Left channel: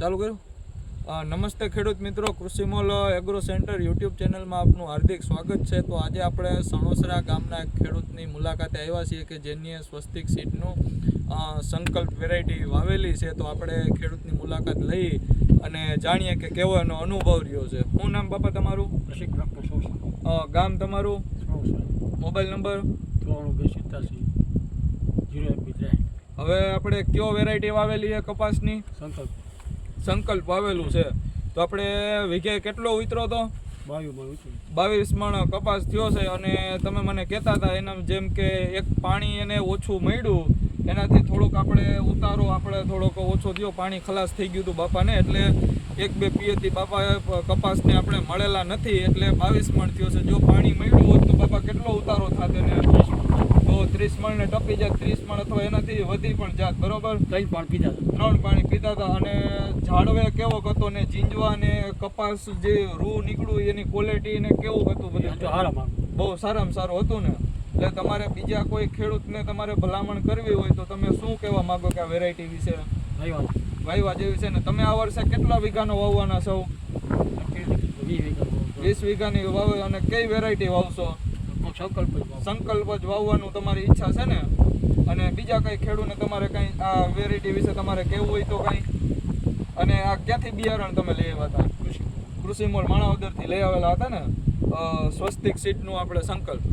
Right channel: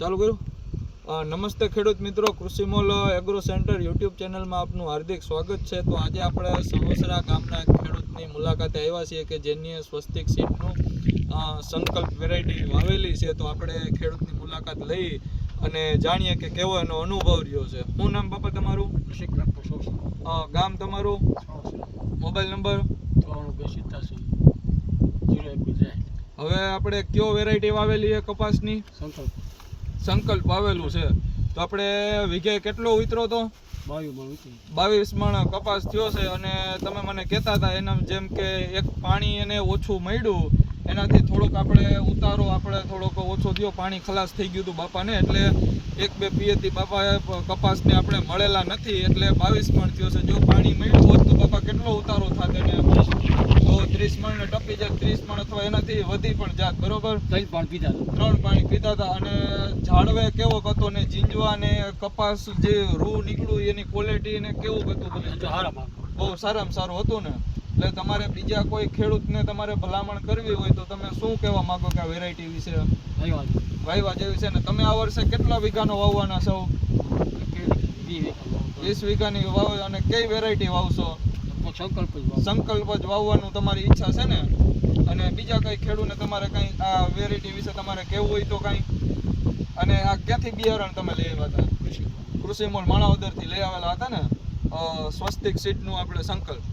ચાલુ કર્યું? નમસ્તે ખેડૂત મિત્રો કૃષિમોલ એગ્રો સેન્ટર યુટ્યુબ ચેનલમાં આપનું હાર્દિક સ્વાગત છે. તો આજે આપણે સણોસરા ગામના ખેડૂતની મુલાકાતે આવ્યા છીએ કે જેની સ્વસ્તિક સીડનું સંકલ્પ વેરાયટી વાવેલી છે. તો આપણે ખેડૂતની મુલાકાત લઈ અને જાણીએ કે કેવો એનો અનુભવ રહ્યો છે. શું નામ બાપા તમારું? ગામ તમારું? Mobile number? હવે આપણે કયો વેરાયટી વાવેલી છે કપાસની? સંકલ્પ. સંકલ્પ આવેલું છે. તો આપણે વિઘે કેટલો ઉતરો તો? બાવીસ મણ કપાસ થયો છે અને તમે મને કહેતા હતા એના જેમ કે એક પાણી એને ઓછું મળ્યું. એનાથી થોડોક આપણે ઉતારો, આપણે થોડોક ઓછો થયો, પાણી ખલાસ થઈ ગયું હતું બાપાને. એટલે એક બે પિયતી બાપાએ કપાસને આપણે મળેલા નથી. એટલે બાવીસ મણ થયો છે. જો પાણી મળ્યું હોત તો બાપા કેટલો ઉતારો થાતે ને ત્રીસ મણ ને ટપી જાત ત્રીસ મણ અથવા એનાથી વધી પણ જાત બરોબર? ત્રણ પાણી પીધા ત્રણ પાણી પીતા હતા અને ઝાડવે કેવો હતો ને જીંજવા ને કપાસ જે રૂ નીકળ્યું એની ક્વોલિટી ને કેવું હતું બધું? બહુ સારામાં સારું હતું ને. એટલે તમારે બીજા કોઈ ખેડૂતને તમારે ભલામણ કરવી હોય તો તમે શું કહેવા માંગો કે આ વેરાયટી વિશે? વાયવા. જેવી છે ને. તમે આ વર્ષે કેટલા વીઘાનો વાવવાના છો? વીસ વીઘાની વાવે અને કઈ વેરાયટી વાવશો? સંકલ્પ સંકલ્પ જ વાવવાનું તમારી ઈચ્છા છે ને? અને બીજા કઈ ખેડૂતને તમારે કઈ આ વેરાયટી વિશે તમારે કેવું હોય તો કઈ? અને આ ક્યાંથી બિયારણ તમે લઈ આવ્યા હતા? કૃષિ મોલ માણાવદરથી લઈ આવેલા હતા ને? સ્વસ્તિક સીટનું આપણે સંકલ્પ.